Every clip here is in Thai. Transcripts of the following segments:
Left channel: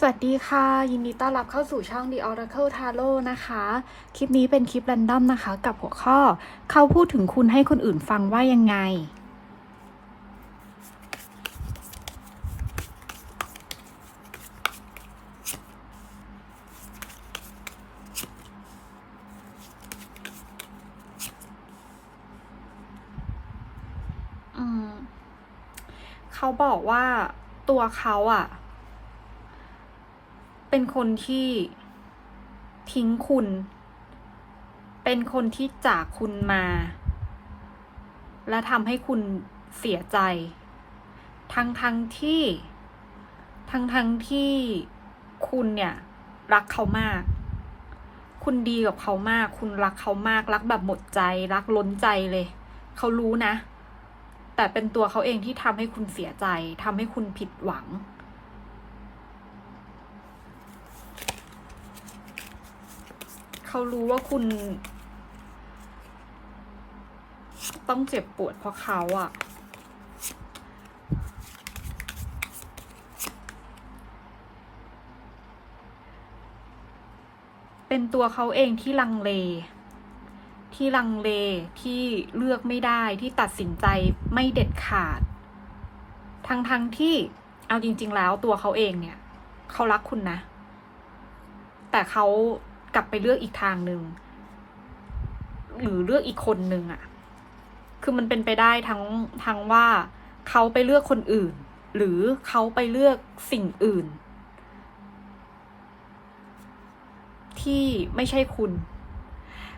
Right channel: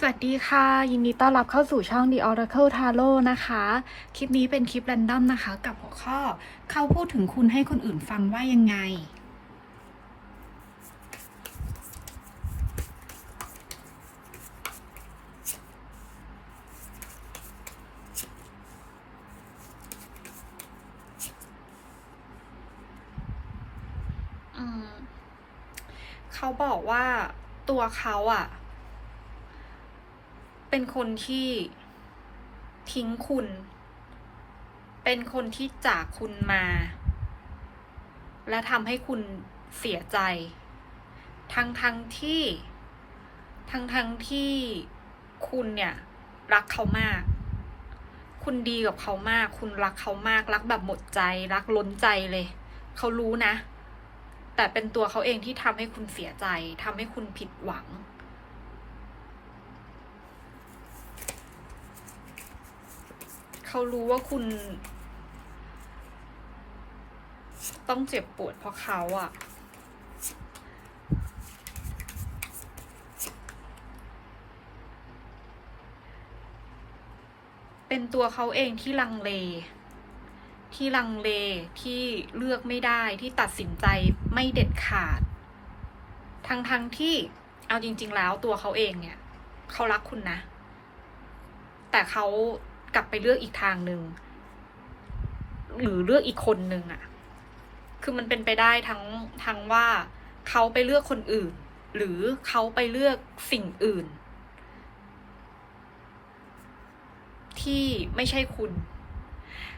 สวัสดีค่ะ ยินดีต้อนรับเข้าสู่ช่อง The Oracle Tarot นะคะ คลิปนี้เป็นคลิปแรนดอมนะคะ กับหัวข้อ เขาพูดถึงคุณให้คนอื่นฟังว่ายังไง เขาบอกว่าตัวเขาอะ เป็นคนที่ทิ้งคุณ เป็นคนที่จากคุณมา และทำให้คุณเสียใจ ทั้งทั้งที่ ทั้งทั้งที่คุณเนี่ย รักเขามาก คุณดีกับเขามาก คุณรักเขามาก รักแบบหมดใจ รักล้นใจเลย เขารู้นะ แต่เป็นตัวเขาเองที่ทำให้คุณเสียใจทำให้คุณผิดหวัง เขารู้ว่าคุณ ต้องเจ็บปวดเพราะเขาอะเป็นตัวเขาเองที่ลังเล ที่ลังเลที่เลือกไม่ได้ที่ตัดสินใจไม่เด็ดขาด ทั้งทั้งที่เอาจริง ๆ แล้วตัวเขาเองเนี่ย เขารักคุณนะ แต่เขา กลับไปเลือกอีกทางหนึ่งหรือเลือกอีกคนหนึ่งอะคือมันเป็นไปได้ทั้งทั้งว่าเขาไปเลือกคนอื่น หรือเขาไปเลือกสิ่งอื่น ที่ไม่ใช่คุณ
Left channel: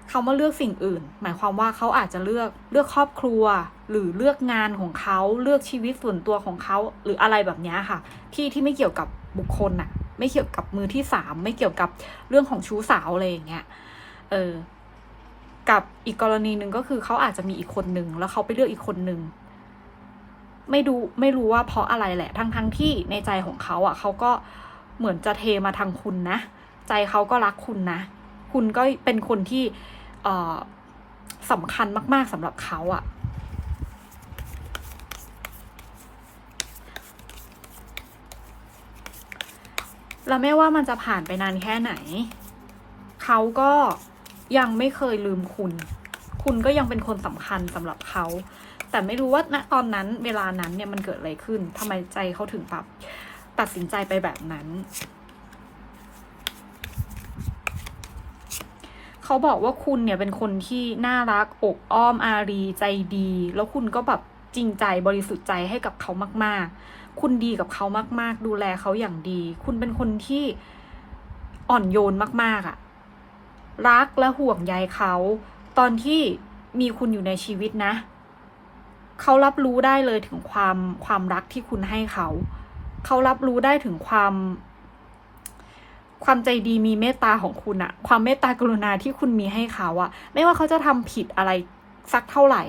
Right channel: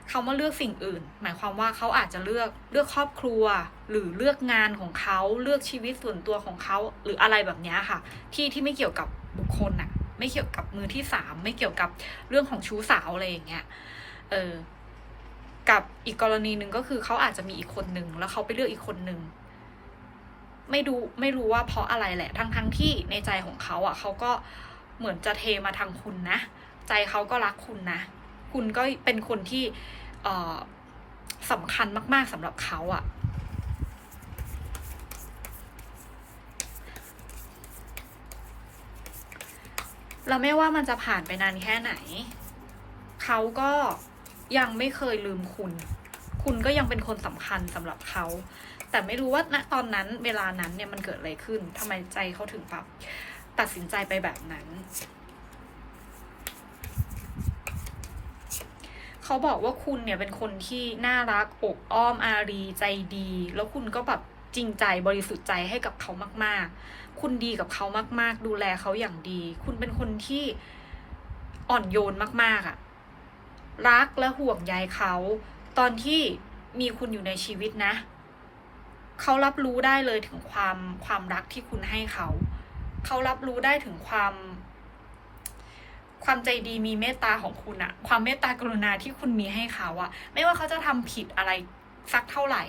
เขามาเลือกสิ่งอื่น หมายความว่าเขาอาจจะเลือกเลือกครอบครัว หรือเลือกงานของเขาเลือกชีวิตส่วนตัวของเขาหรืออะไรแบบนี้ค่ะ ที่ที่ไม่เกี่ยวกับบุคคลน่ะ ไม่เกี่ยวกับมือที่สามไม่เกี่ยวกับเรื่องของชู้สาวอะไรอย่างเงี้ยเออกับอีกกรณีหนึ่งก็คือเขาอาจจะมีอีกคนหนึ่งแล้วเขาไปเลือกอีกคนหนึ่งไม่ดูไม่รู้ว่าเพราะอะไรแหละ ทั้งทั้งที่ในใจของเขาอะเขาก็เหมือนจะเทมาทางคุณนะ ใจเขาก็รักคุณนะ คุณก็เป็นคนที่เออสำคัญมาก ๆสำหรับเขาอะ แล้วไม่ว่ามันจะผ่านไปนานแค่ไหน เขาก็ยังไม่เคยลืมคุณ คุณก็ยังเป็นคนสำคัญสำหรับเขา แต่ไม่รู้ว่าณตอนนั้นเวลานั้นเนี่ยมันเกิดอะไรขึ้นทำไมใจเขาถึงแบบตัดสินใจไปแบบนั้น เขาบอกว่าคุณเนี่ยเป็นคนที่น่ารักอกอ้อมอารีใจดี แล้วคุณก็แบบจริงใจบริสุทธิ์ใจให้กับเขามาก ๆ คุณดีกับเขามาก ๆ ดูแลเขาอย่างดี คุณเป็นคนที่อ่อนโยนมาก ๆอะรักและห่วงใยเขา ตอนที่มีคุณอยู่ในชีวิตนะ เขารับรู้ได้เลยถึงความความรักที่คุณให้เขา เขารับรู้ได้ถึงความ ความใจดีมีเมตตาของคุณอะความเมตตากรุณาที่คุณมีให้เขาอะไม่ว่าเขาจะทำผิดอะไรสักเท่าไหร่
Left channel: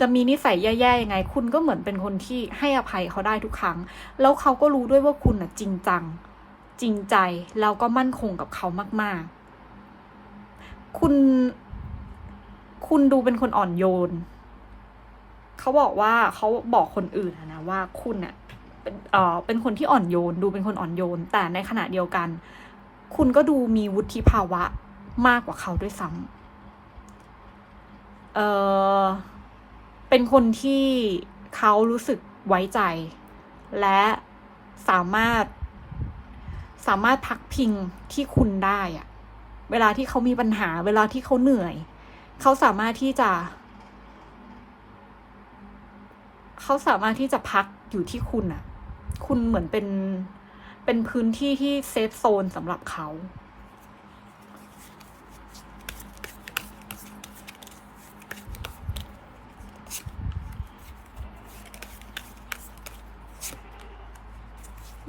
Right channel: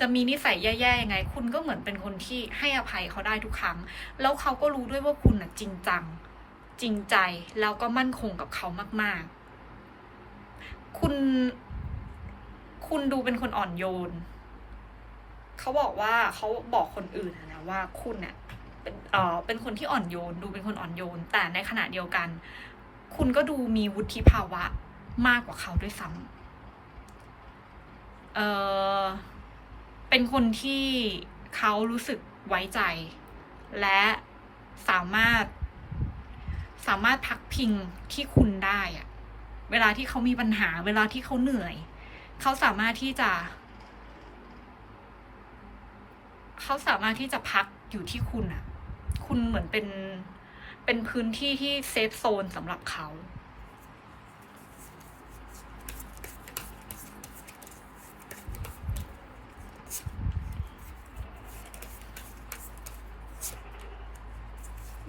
จะมีนิสัยแย่ๆยังไง คุณก็เหมือนเป็นคนที่ให้อภัยเขาได้ทุกครั้ง แล้วเขาก็รู้ด้วยว่าคุณอะจริงจัง จริงใจแล้วก็มั่นคงกับเขามาก ๆ คุณ คุณดูเป็นคนอ่อนโยน เขาบอกว่าเขาบอกคนอื่นนะว่าคุณเนี่ยเป็นเออเป็นคนที่อ่อนโยน ดูเป็นคนอ่อนโยน แต่ในขณะเดียวกัน คุณก็ดูมีวุฒิภาวะมากกว่าเขาด้วยซ้ำเออ เป็นคนที่เขารู้สึกไว้ใจ และสามารถ สามารถพักพิงที่คุณได้อะเวลาที่เขามีปัญหา เวลาที่เขาเหนื่อย เขาสามารถที่จะ เขาสามารถที่จะพักอยู่ที่คุณอะคุณเหมือนเป็นเป็นพื้นที่ที่เซฟโซนสำหรับเขา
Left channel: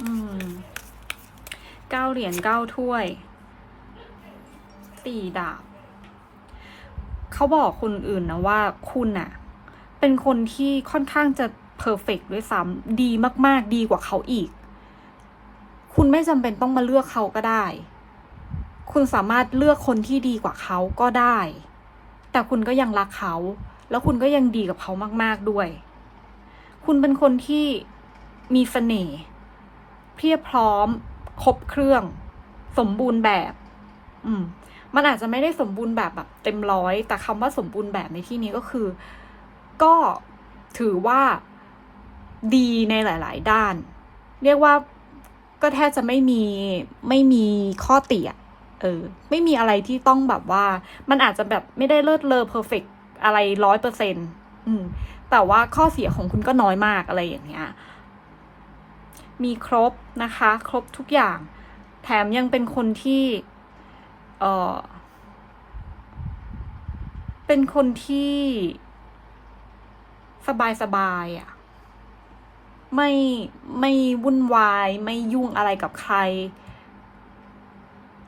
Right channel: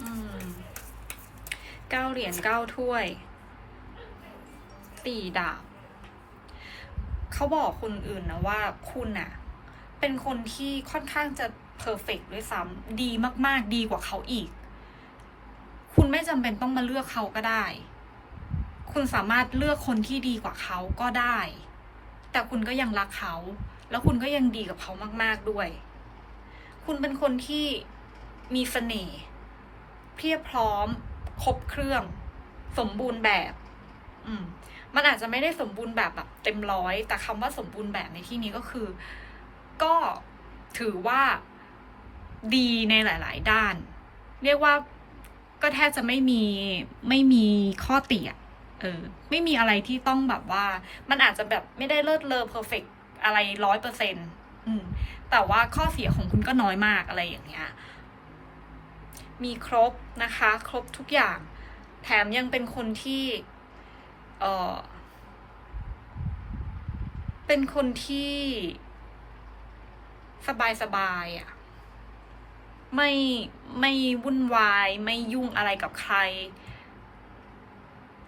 อืม เก้าเหรียญเก้าถ้วยสี่ดาบ เขาบอกคนอื่นนะว่าคุณน่ะ เป็นคนที่ค่อนข้างจะเพอร์เฟกด้วยซ้ำดีมาก ๆ ดีกว่าเขาอีก คุณไม่จำเป็นต้องมาเลือกเขาก็ได้ คุณสามารถเลือกคนที่ดีกว่าเขาก็ได้ แต่คุณก็ยังรักเขา แล้วคุณก็ยังดีกับเขามาก ๆด้วย คุณเป็นคนที่มีเสน่ห์เพียบพร้อม ครบเครื่อง สมบูรณ์แบบ อืม มันอาจจะไม่ได้สมบูรณ์แบบแบบ เต็มร้อย แต่คำว่าสมบูรณ์แบบในที่นี้ก็คือ ก็ถือว่าดีในหลาย ๆ ด้าน เรียกว่าก็แทบจะไม่มีไม่มีข้อติอเออ ไม่มีอะไรที่ต้องแบบว่า มันอาจจะแบบไม่ได้เลิศเลอเพอร์เฟกอะไรร้อยเปอร์เซ็นต์แต่ว่าข้อเสียของคุณก็น้อยมากอะไรอย่างเงี้ย มีครบนะคะ ครบทุกอย่าง แถมยังเป็นคนที่เออเป็นคนที่สบายสบายๆอะไม่ไม่วุ่นวาย ไม่ยุ่งอะไรกับใคร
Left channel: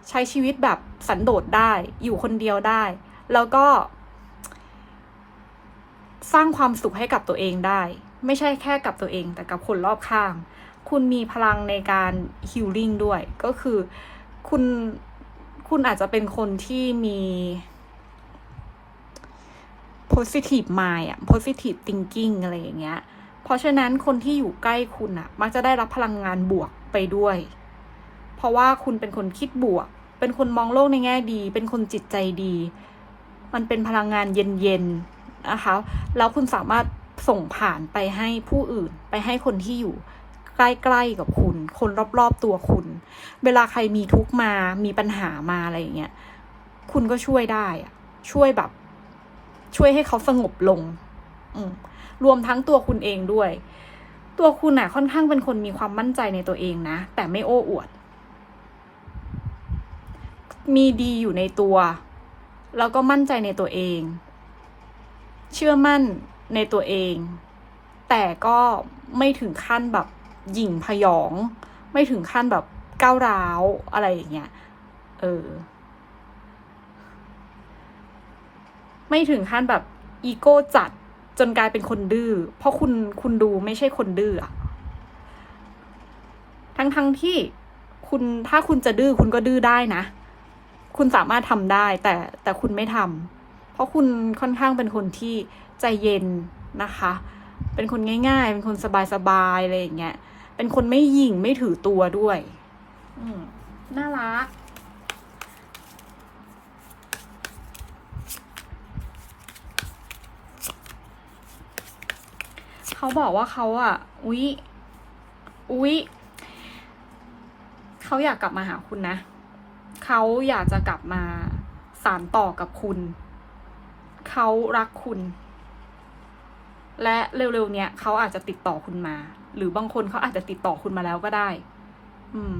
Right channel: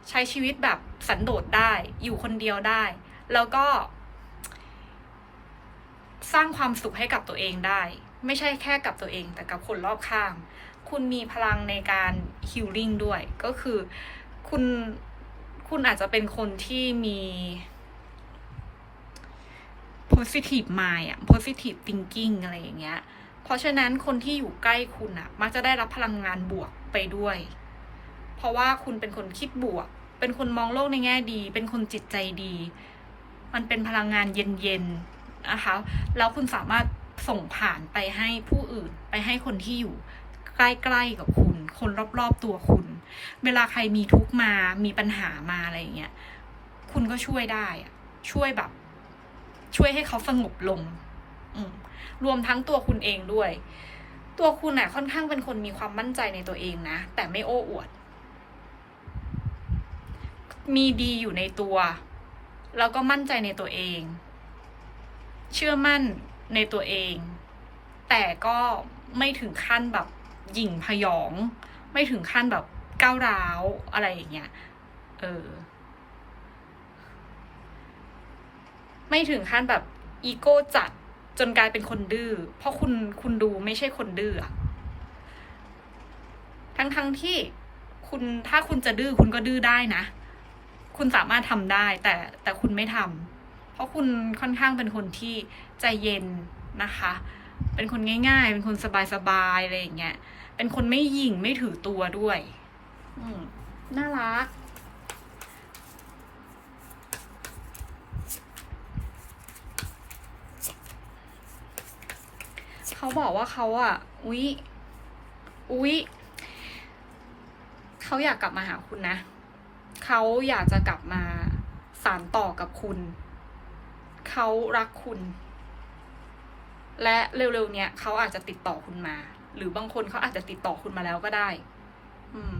ใช้ชีวิตแบบสันโดษได้ อยู่คนเดียวได้ แล้วก็ สร้างความสุขให้กับตัวเองได้ ไม่ใช่แค่กับตัวเอง แต่กับคนรอบข้าง คุณมีพลังในการฮิลลิ่งด้วย ก็คือคุณคุณอาจจะเป็นคนที่มี positive mind อะ positive thinking อะไรอย่างเงี้ย เพราะฉะนั้นคนที่อยู่ใกล้คุณอะมักจะได้รับพลังงานบวกไปด้วย เพราะว่าคุณเป็นคนคิดบวก เป็นคนมองโลกในแง่ดี เป็นคนจิตใจดี มันเป็นพลังงานเย็นๆนะคะ แล้วคุณสามารถส่งผ่านไปให้ผู้อื่น ไปให้คนที่อยู่ ใกล้ๆกับคุณ คนรอบๆตัวคุณ เวลาใครมีทุกมา มีปัญหามาอะไรอย่างเงี้ย คุณก็ช่วยได้ช่วยแบบ ช่วยให้เขาสงบลง อืรวมทั้งตัวคุณเองด้วย ตัวคุณน่ะค่อนข้างเป็นคนมีความมั่นใจในตัวเองนะ แต่ไม่โอ้อวด มีดีอยู่ในตัว แล้วก็มั่นใจในตัวเอง เชื่อมั่นในตัวเอง แต่ก็ไม่ถึงขั้นแบบ หยิ่งพยอง ไม่ถึงขั้นแบบก้าวร้าวอะไรอย่างเงี้ย เออ ไม่ถึงขั้นแบบอีโก้จัดจนกลายเป็นคนดื้อ เพราะคุณคุณดูไม่ใช่คนดื้ออะทั้งทั้งที่คุณถ้าคุณจะดื้อคุณก็ดื้อได้นะ คุณสามารถทำได้ แต่แต่คุณไม่ทำเพราะคุณค่อนข้างเป็นคนที่ใจเย็นนะคะ เป็นคนง่าย ๆ เป็นคนสบายๆอะไรอย่างเงี้ย เป็นคนไม่หยิ่งไม่ถือตัวด้วย อืมน่ารัก เขาบอกว่าเขาอะ อุ๊ย อุ๊ย เขาอยากกลับมาหาคุณนะ เขาอยากจะกลับมาสานต่อกับคุณ เขารักคุณ และเร็วๆเนี้ยเขาอาจจะติดต่อคุณมา หรือบางคนเขาอาจจะติดต่อคุณมาแล้วก็ได้ อืม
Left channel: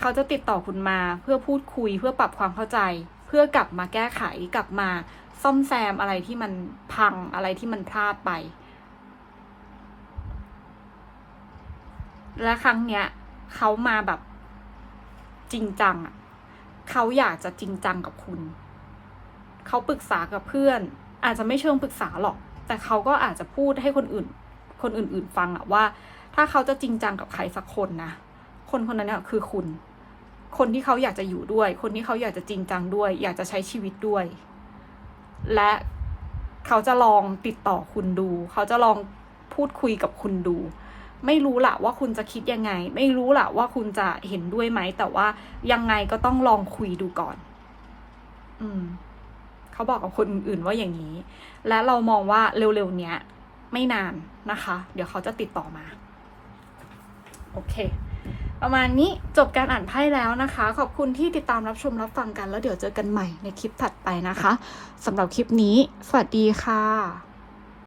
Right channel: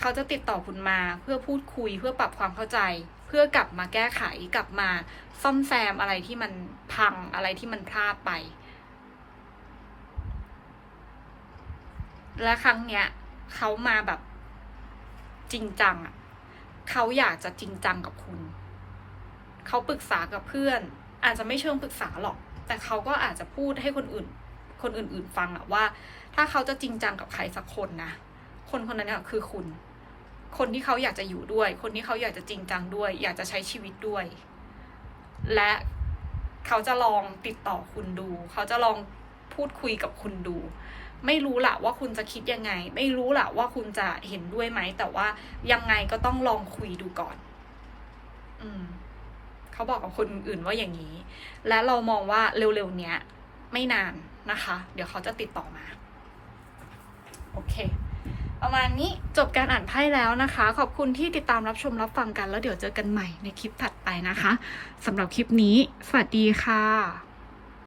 เขาจะติดต่อคุณมาเพื่อพูดคุยเพื่อปรับความเข้าใจ เพื่อกลับมาแก้ไขกลับมาซ่อมแซมอะไรที่มันพังอะไรที่มันพลาดไป และครั้งเนี้ยเขามาแบบจริงจังอะเขาอยากจะจริงจังกับคุณ เขาปรึกษากับเพื่อน อาจจะไม่เชิงปรึกษาหรอก แต่เขาก็อาจจะพูดให้คนอื่น คนอื่นๆฟังอะว่า ถ้าเขาจะจริงจังกับใครสักคนนะ คนคนนั้นเนี่ยคือคุณ คนที่เขาอยากจะอยู่ด้วย คนที่เขาอยากจะจริงจังด้วย อยากจะใช้ชีวิตด้วย และเขาจะลองติดต่อคุณดู เขาจะลองพูดคุยกับคุณดู ไม่รู้ละว่าคุณจะคิดยังไง ไม่รู้ละว่าคุณจะเห็นด้วยไหม แต่ว่ายังไงก็ต้องลองคุยดูก่อน อืม เขาบอกกับคนอื่นๆว่าอย่างนี้ และเรามองว่าเร็วๆเนี้ยไม่นานนะคะ เดี๋ยวเขาจะติดต่อมา โอเค ประมาณนี้จบการอ่านไพ่แล้วนะคะ ขอบคุณที่ติดตามรับชมรับฟังกัน แล้วเดี๋ยวเจอกันใหม่ในคลิปถัดไปนะคะสำหรับคลิปนี้ สวัสดีค่ะ